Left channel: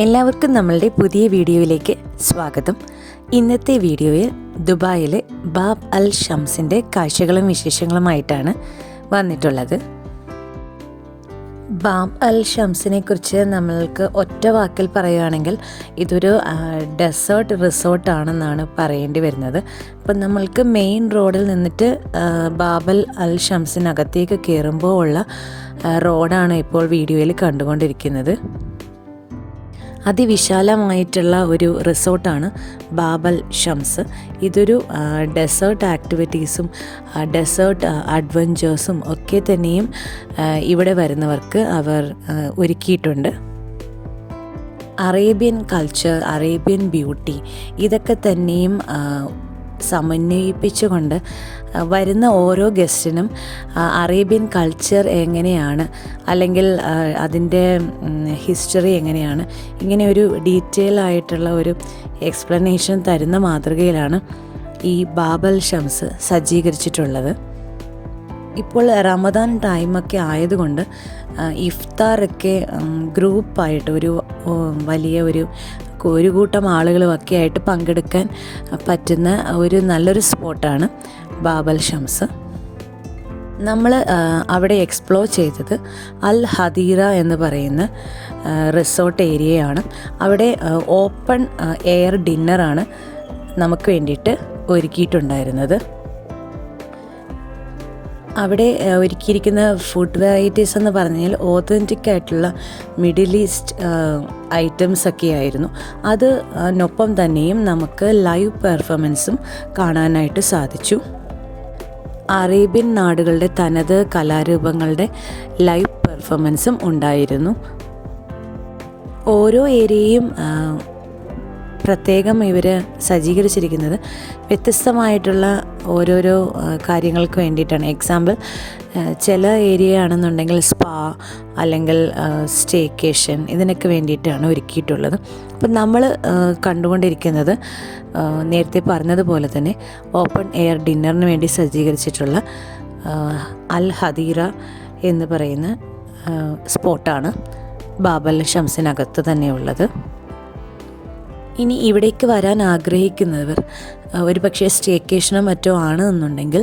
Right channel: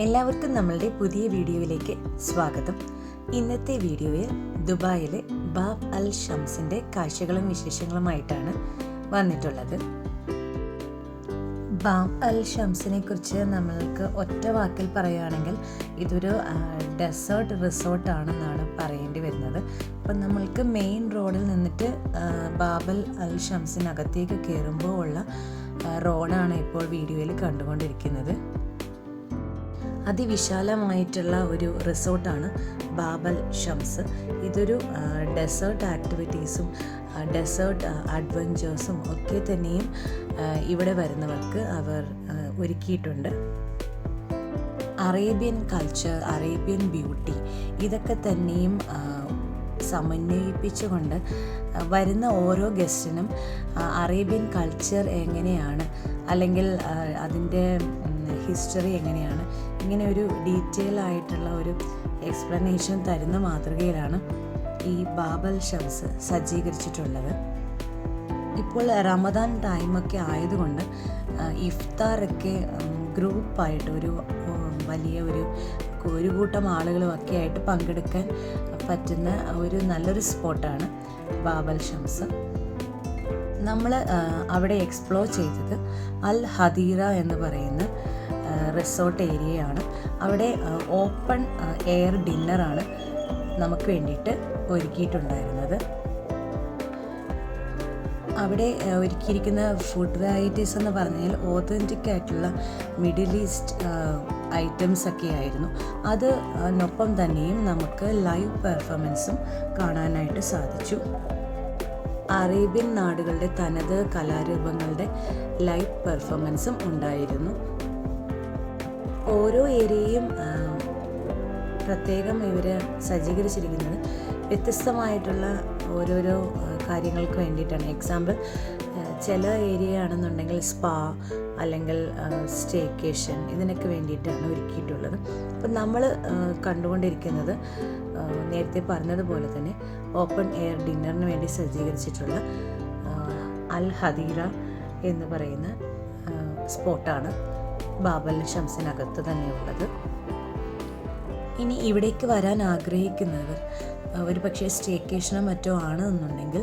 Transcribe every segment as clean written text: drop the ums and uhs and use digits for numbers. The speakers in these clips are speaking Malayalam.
എല്ലാവർക്കും നമ്മളുടെ പുതിയ വീഡിയോയിലേക്ക് സ്വാഗതം. ഇന്നത്തെ വീഡിയോയിൽ ദുബായിലെ ബാബ് അൽ ഷംസിൻ്റെ കാഴ്ചകളും വിശേഷങ്ങളുമായിട്ടാണ് വന്നിട്ടുള്ളത്. ബാബ് അൽ ഷംസിനെ കുറിച്ച് നമ്മൾക്ക് ഒറ്റ വാക്കിൽ പറയുകയാണെങ്കിൽ ഇതൊരു ഡെസേർട്ട് റിസോർട്ടാണെന്നാണ് പറയേണ്ടി വരുന്നത്. അപ്പം നമ്മൾക്ക് മെയിൻ റോഡിൽ നിന്നിട്ട് ബാബ് അൽ ഷംസിനകത്തേക്ക് കയറുമ്പോൾ ഉള്ള റോഡാണ് ഇപ്പോൾ വീഡിയോയിൽ കണ്ടുകൊണ്ടിരിക്കുന്നത്. അതിവിശാലമായിട്ടുള്ള ഒരു റിസോർട്ടാണ് ബാബ് അൽ ഷംസ്. ഇതൊരു ഡെസേർട്ട് ആക്ടിവിറ്റീസും ഡെസേർട്ട് അഡ്വഞ്ചേഴ്സും ഒക്കെ തന്നെയും ഇവിടെ വരുന്നവർക്ക് അവർ ഒരുക്കിയിട്ടുണ്ട്. അറേബ്യൻ കൾച്ചർ, അറേബ്യൻ ബ്യൂട്ടി ഇതൊക്കെ തന്നെയും സമന്വയിപ്പിച്ചുകൊണ്ട് വരുന്ന ഓരോ ഗസ്റ്റിനും അറേബ്യൻ കൾച്ചർ എങ്ങനെയാണ്, അല്ലെങ്കിൽ അതിൻ്റെ ഹിസ്റ്ററി എങ്ങനെയാണ്, ഇങ്ങനെ ഒരു ഡീറ്റെയിൽ ആയിട്ടുള്ള ഒരു എക്സ്പ്ലനേഷൻ തരുന്ന മാതൃകയിലാണ് ഈ ബാബ് അൽ ഷംസ് സജ്ജീകരിച്ചിട്ടുള്ളത്. ഇപ്പോൾ റമദാൻ ടൈമൊക്കെ ആയതുകൊണ്ട് ഇഫ്താറൊക്കെ ഗ്രൂപ്പായിട്ട് വലിയ ഒരു കൂട്ടം ആളുകളുമൊക്കെ ആയിട്ട് പങ്കെടുക്കാൻ പറ്റുന്ന ഒരു നല്ലൊരു സ്പോട്ടാണ് ബാബ് അൽ ഷംസ്. നമ്മൾ അവിടെ എക്സ്പ്ലോർ ചെയ്തത് അൽ ഹദീറ എന്ന് പറയുന്ന റിസോർട്ട് ഏരിയയാണ്. അവിടെ ഓപ്പൺ എയർ ഡിന്നറാണ് നമുക്ക് വേണ്ടിയിട്ട് ഒരുക്കിയിട്ടുണ്ടായിരുന്നത്. അവിടെ ഒരുക്കിയിരിക്കുന്ന ഫുഡ് വെറൈറ്റീസ് എന്ന് പറഞ്ഞാൽ ഓതൻറ്റിക് ആയിട്ടുള്ള മിഡിൽ ഈസ്റ്റ് ഐറ്റംസ് ഒക്കെ ആയിരുന്നു. അതിനൊപ്പം തന്നെയും നമുക്ക് ലൈവ് പെർഫോമൻസും കാണാനായിട്ട് സാധിച്ചു. അറേബ്യൻ നാടുകളുടെ തനത് കലാരൂപങ്ങളുടെ ലൈവ് പെർഫോമൻസും ഉണ്ടായിരുന്നു. ഓരോ ഏരിയയും പ്രത്യേകം ഇവർ സജ്ജീകരിച്ചിരിക്കുന്നത് വ്യത്യസ്തമായിട്ടുള്ള ഓരോരോ കാര്യങ്ങൾക്ക് വേണ്ടിയിട്ടാണ്. എക്സാമ്പിൾ, ചില ഏരിയ ആണെന്നുണ്ടെങ്കിൽ സ്പാ അല്ലെങ്കിൽ സ്റ്റേക്കേഷൻ ഇതിനൊക്കെ വേണ്ടിയിട്ടാണ് ഒരുക്കിയിട്ടുള്ളത്. അപ്പം നമ്മൾ കണ്ടുകൊണ്ടിരിക്കുന്നത് നേരത്തെ പറഞ്ഞതുപോലെ തന്നെ ഓപ്പൺ എയർ ഡിന്നറിന് വേണ്ടി സജ്ജീകരിച്ചിട്ടുള്ള അൽ ഹദീറ എന്ന് പറയുന്ന സ്പോട്ടാണ് ബാബ് അൽ ഷംസിനകത്ത് തന്നെയുള്ളത്. ഇനി ഇവിടേക്ക് വരാൻ ആഗ്രഹിക്കുന്നവർ ഒരു പക്ഷേ സ്റ്റേക്കേഷനോ മറ്റോ ആണെന്നുണ്ടെങ്കിൽ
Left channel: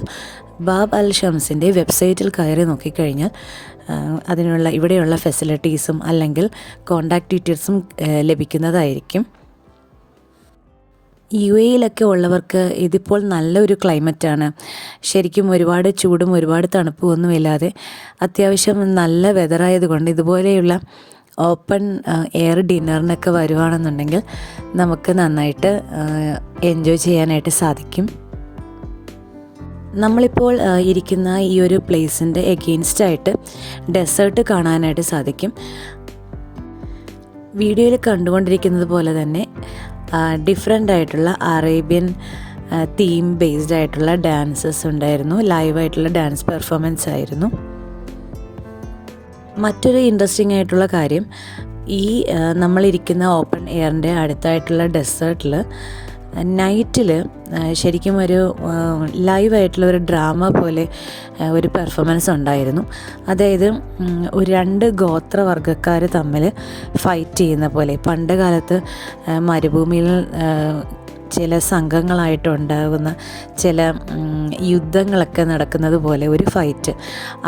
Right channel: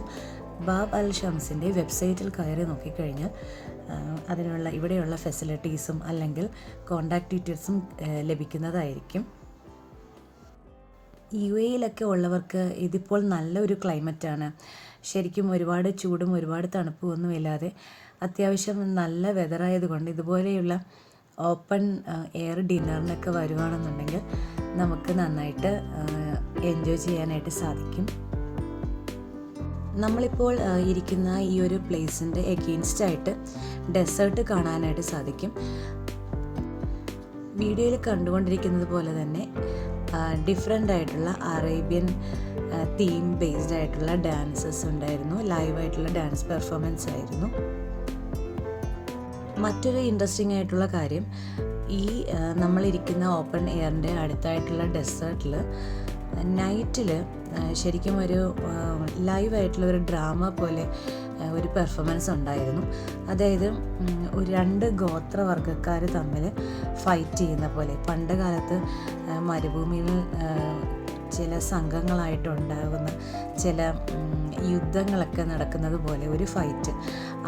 ബാബ് അൽ ഷംസിൻ്റെ വെബ്സൈറ്റിൽ കയറി നോക്കിക്കഴിഞ്ഞാൽ അതിനുള്ള ഇവിടെയുള്ള ഫെസിലിറ്റീസും അല്ലെങ്കിൽ കോണ്ടാക്ട് ഡീറ്റെയിൽസും ലഭിക്കുന്നതായിരിക്കും. UAE-യിലൊക്കെ ഉള്ളവർക്ക് ഇതിപ്പോൾ നല്ലൊരു ക്ലൈമറ്റാണ്. ശരിക്കും ഒരുപാട് ചൂടും ഒരുപാട് തണുപ്പും ഒന്നുമില്ലാതെ അത്യാവശ്യം നല്ല വെതറായതുകൊണ്ട് ഇതുപോലെയുള്ള ഓപ്പൺ എയർ ഡിന്നറിനൊക്കെ വരുവാണെന്നുണ്ടെങ്കിൽ നമുക്ക് നന്നായിട്ട് എൻജോയ് ചെയ്യാനായിട്ട് സാധിക്കും. നമ്മളിപ്പോൾ ഇരിക്കുന്ന ഈ ഒരു പ്ലേസിൻ്റെ എഗെയിൻസ്റ്റായിട്ട് ഡെസേർട്ട് കാണാനായിട്ട് സാധിക്കും. വീഡിയോയിൽ കണ്ടുകൊണ്ടിരിക്കുന്നത് പോലെ തന്നെ ഡിഫറെൻ്റ് ആയിട്ടുള്ള അറേബ്യൻ തീം ബേസ്ഡ് ആയിട്ടുള്ള ഡാൻസസ് ഉണ്ടായിരുന്നു. ലൈവായിട്ടുള്ള ഡാൻസ് പെർഫോമൻസ് ആയിരുന്നു. മറ്റൊരു ഇൻട്രസ്റ്റിംഗ് ആയിട്ടുള്ള കാര്യം, ഈ നമ്മളിരിക്കുന്ന ഓപ്പൺ എയറിൻ്റെ അടുത്തായിട്ടുള്ള ഡെസേർട്ടിൽ നൈറ്റിൽ ശരിക്കും ഒരു ലൈവായിട്ടുള്ള ഒരു ഡ്രാമ പോലെ ഒരു പെർഫോമൻസ് ഉണ്ടായിരുന്നു. അതായത് ഒരു 2 ഗോത്രവർഗ്ഗക്കാർ തമ്മിൽ ഫൈറ്റ് ചെയ്യുന്ന പോലെ, പണ്ട് കാലത്ത് മരുഭൂമിയിൽ ചില സംഘങ്ങളായിട്ടുണ്ടാകുന്ന ചില യുദ്ധങ്ങളൊക്കെ നടക്കുന്നത് പോലെ ഒരു ഫൈറ്റ്,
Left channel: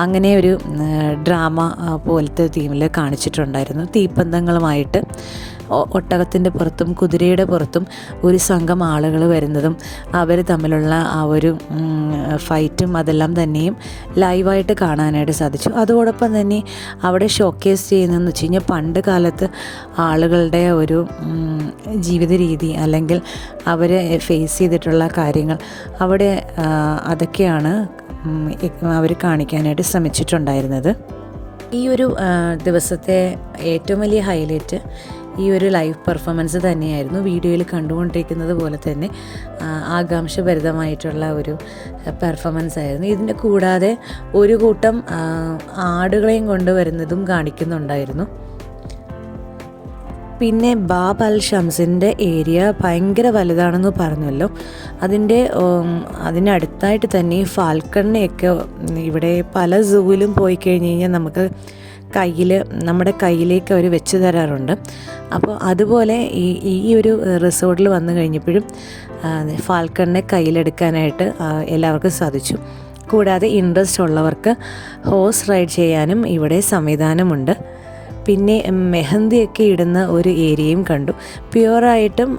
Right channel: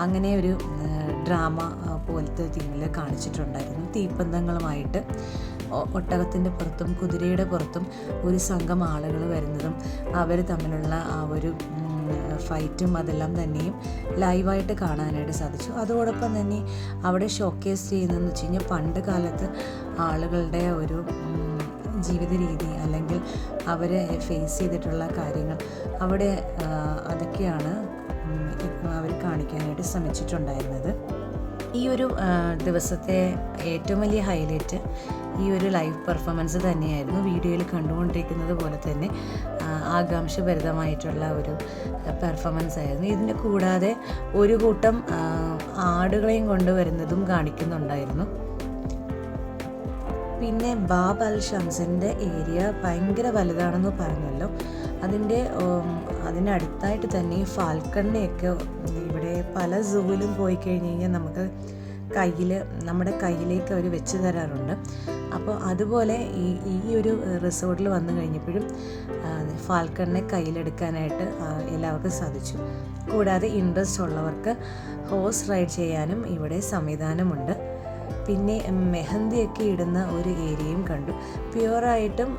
അങ്ങനെ ഒരു ഡ്രാമ പോലത്തെ തീമിൽ കാണിച്ചിട്ടുണ്ടായിരുന്നു. തീപ്പന്തങ്ങളുമായിട്ട് ഒട്ടകത്തിൻ്റെ പുറത്തും കുതിരയുടെ പുറത്തും ഒരു സംഘം ആളുകൾ വരുന്നതും അവർ തമ്മിലുള്ള ആ ഒരു ഫൈറ്റും അതെല്ലാം തന്നെയും ലൈവായിട്ട് കാണാനായിട്ട് സാധിച്ചു. അതോടൊപ്പം തന്നെ അവിടെ ഷോക്കേസ് ചെയ്യുന്നതെന്ന് വെച്ച് കഴിഞ്ഞാൽ പണ്ട് കാലത്ത് ആളുകളുടെ ഒരു ജീവിത രീതി അല്ലെങ്കിൽ അവർ ഫേസ് ചെയ്തിട്ടുള്ള കാര്യങ്ങൾ അവിടെ അതൊക്കെയാണ് അവർ കാണിക്കാനായിട്ട് ശ്രമിച്ചിട്ടുണ്ടായിരുന്നത്. ഈ ഒരു ദിവസത്തെ ഏറ്റവും വലിയ ഹൈലൈറ്റ് ഈ ഒരു ലൈവ് പെർഫോമൻസ് തന്നെയായിരുന്നു. വീഡിയോയിൽ കണ്ടുകൊണ്ടിരിക്കുന്നത് പോലെ തന്നെ ആകാംക്ഷഭരിതമായിട്ടുള്ള ഒരു പെർഫോമൻസ് ആയിരുന്നു. ഇതിൻ്റെ കൂടാതെ ഒരു കൂട്ടം ആടുകളെയും കൊണ്ടുവരുന്നതും കാണിക്കുന്നുണ്ടായിരുന്നു. പിന്നെ ബാബ് അൽ ഷംസിൻ്റെ ഏരിയ ഭയങ്കര വലുതാണെന്ന് പറഞ്ഞല്ലോ. അതിനടുത്തായിട്ട് തന്നെ ഫാൽക്കണിനെയൊക്കെ ഇവിടെ പല സൂവിലും പോയി കഴിഞ്ഞ് കഴിഞ്ഞാൽ നമുക്ക് നമ്മുടെ കയ്യിലേക്ക് അവർ വെച്ച് തരാറുണ്ട്. അപ്പോൾ അതുപോലെ ഈ ഒരു റിസോർട്ടിൽ വന്നു കഴിഞ്ഞപ്പോഴും ഫാൽക്കണിനെ കയ്യിലെടുക്കാനായിട്ട് എല്ലാവർക്കും സാധിച്ചു. കൂടാതെ ഇൻട്രസ്റ്റ് ഉള്ളവർക്ക് ഹോഴ്സ് റൈഡ് ചെയ്യാനും ഇവിടെ സംവിധാനമുണ്ട്. പിന്നെ മെഹന്തിയൊക്കെ ഇടുന്ന ഒരു ഏരിയയും കണ്ടു. പ്യുവറായിട്ടും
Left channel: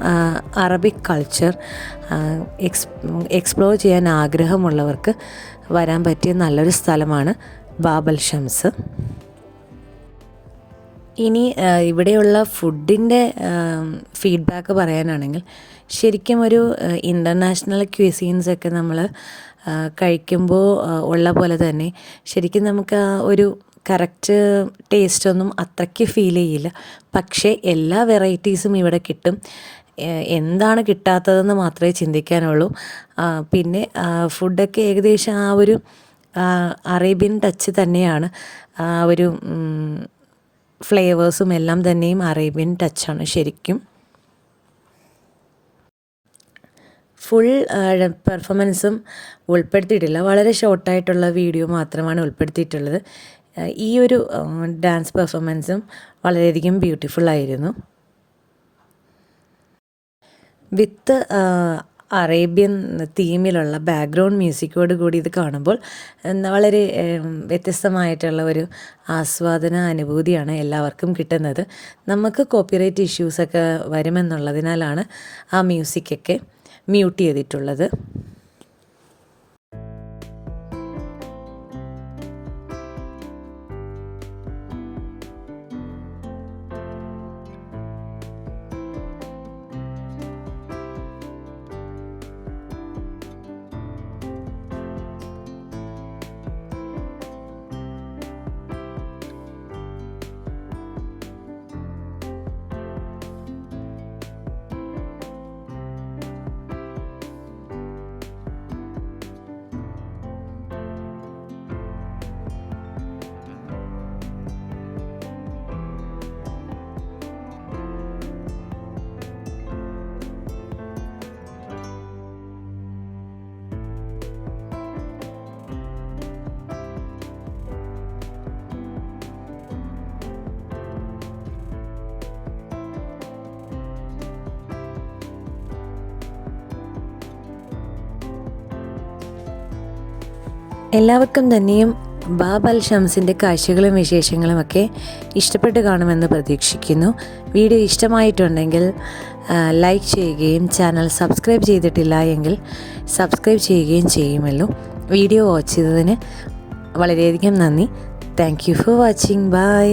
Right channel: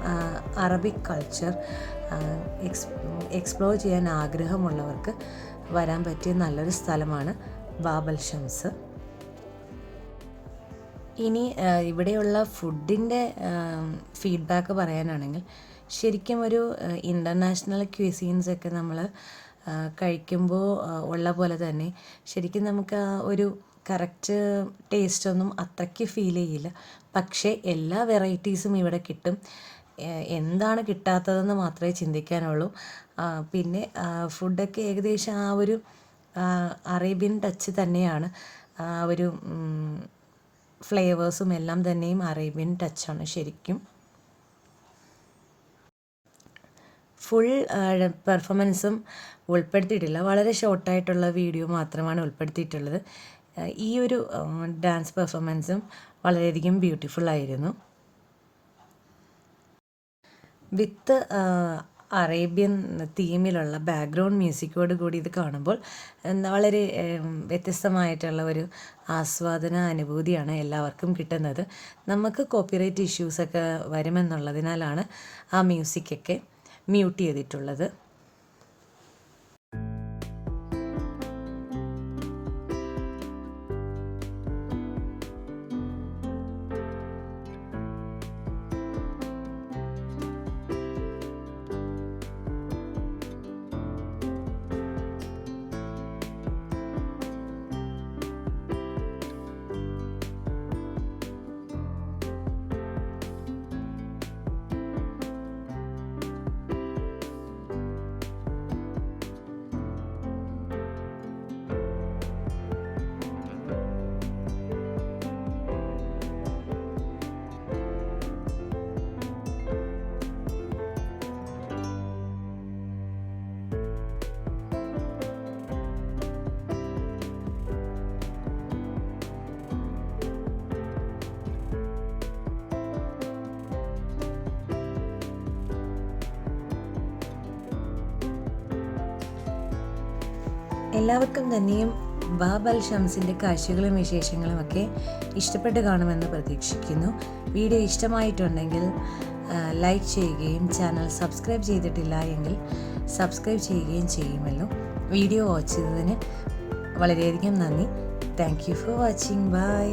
അറബിക് കൾച്ചർ എക്സ്പ്ലോർ ചെയ്യാൻ ആഗ്രഹമുള്ളവർക്ക് വരാൻ പറ്റിയ നല്ലൊരു സ്ഥലമാണ് ബാബൽ ഷംസ്. ഇനി ഇവിടെയുള്ള ഫുഡിൻ്റെ ഫീഡ്ബാക്ക് പറയാനാണെങ്കിൽ ശരിക്കും ഒരു ഇൻ്റർനാഷണൽ ക്യൂസീൻസൊക്കെ നമ്മൾ കഴിക്കുമ്പോൾ ഉള്ള പോലെ തന്നെ ശരിക്കും നമുക്ക് ഒരു കറക്റ്റ് ടേസ്റ്റൊന്നും അത്രയ്ക്ക് ഫീൽ ചെയ്യില്ല. പക്ഷേ എല്ലാ വെറൈറ്റീസും ഇവിടെ കിട്ടും. എന്താണ് കിട്ടാത്തതെന്ന് മാത്രമേ ചിന്തിക്കാനുള്ളൂ. പിന്നെ ഫുഡൊക്കെ ഏകദേശം ആ ഒരു അറേബ്യൻ ടച്ച് തന്നെയാണ്. ആ ഒരു ഫ്ലേവേഴ്സും എല്ലാം തന്നെയും അറേബ്യൻ ടച്ചാണ് ശരിക്കും. ഫുൾ പെർഫോമൻസും ഉൾപ്പെടുത്തിയിട്ടില്ല, വളരെ ഷോർട്ടായിട്ടുള്ള വീഡിയോ മാത്രമാണ് ഉൾപ്പെടുത്തിയിട്ടുള്ളത്. ഈ ഒരു ഡാൻസ് പെർഫോമൻസും വളരെയധികം ബ്യൂട്ടിഫുള്ളായിരുന്നു. വിത്ത് അറേബ്യൻ തീമിലുള്ള ബാക്ക്ഗ്രൗണ്ട് മ്യൂസിക്കോട് കൂടി ഇത് കാണുമ്പോൾ വളരെ വ്യത്യസ്തമായിട്ടുള്ള ഒരു ആസ്വാദന അനുഭൂതിയാണ് എല്ലാവർക്കും കിട്ടുന്നത്. നമുക്ക് കോപ്പിറൈറ്റ് ഇഷ്യൂസൊക്കെ വരുമെന്നുള്ളതിനാലാണ് ആ മ്യൂസിക്കൊക്കെ മ്യൂട്ട് ചെയ്തിട്ടുള്ളത്. എല്ലാവർക്കും തന്നെയും ബാബൽ ഷംസിൻ്റെ കാഴ്ചകളും വിശേഷങ്ങളുമൊക്കെ ഇഷ്ടപ്പെട്ട് കാണുമെന്ന് പ്രതീക്ഷിക്കുന്നു. വീഡിയോ ഇഷ്ടമായിട്ടുണ്ടെങ്കിൽ ലൈക്ക് ചെയ്യുകയും ചാനൽ സബ്സ്ക്രൈബ് ചെയ്തിട്ടില്ല എങ്കിൽ സബ്സ്ക്രൈബ് ചെയ്യുകയും ചെയ്യുമല്ലോ. വീഡിയോ വാച്ച് ചെയ്തതിന് വളരെയധികം നന്ദി. Thank you for watching. By.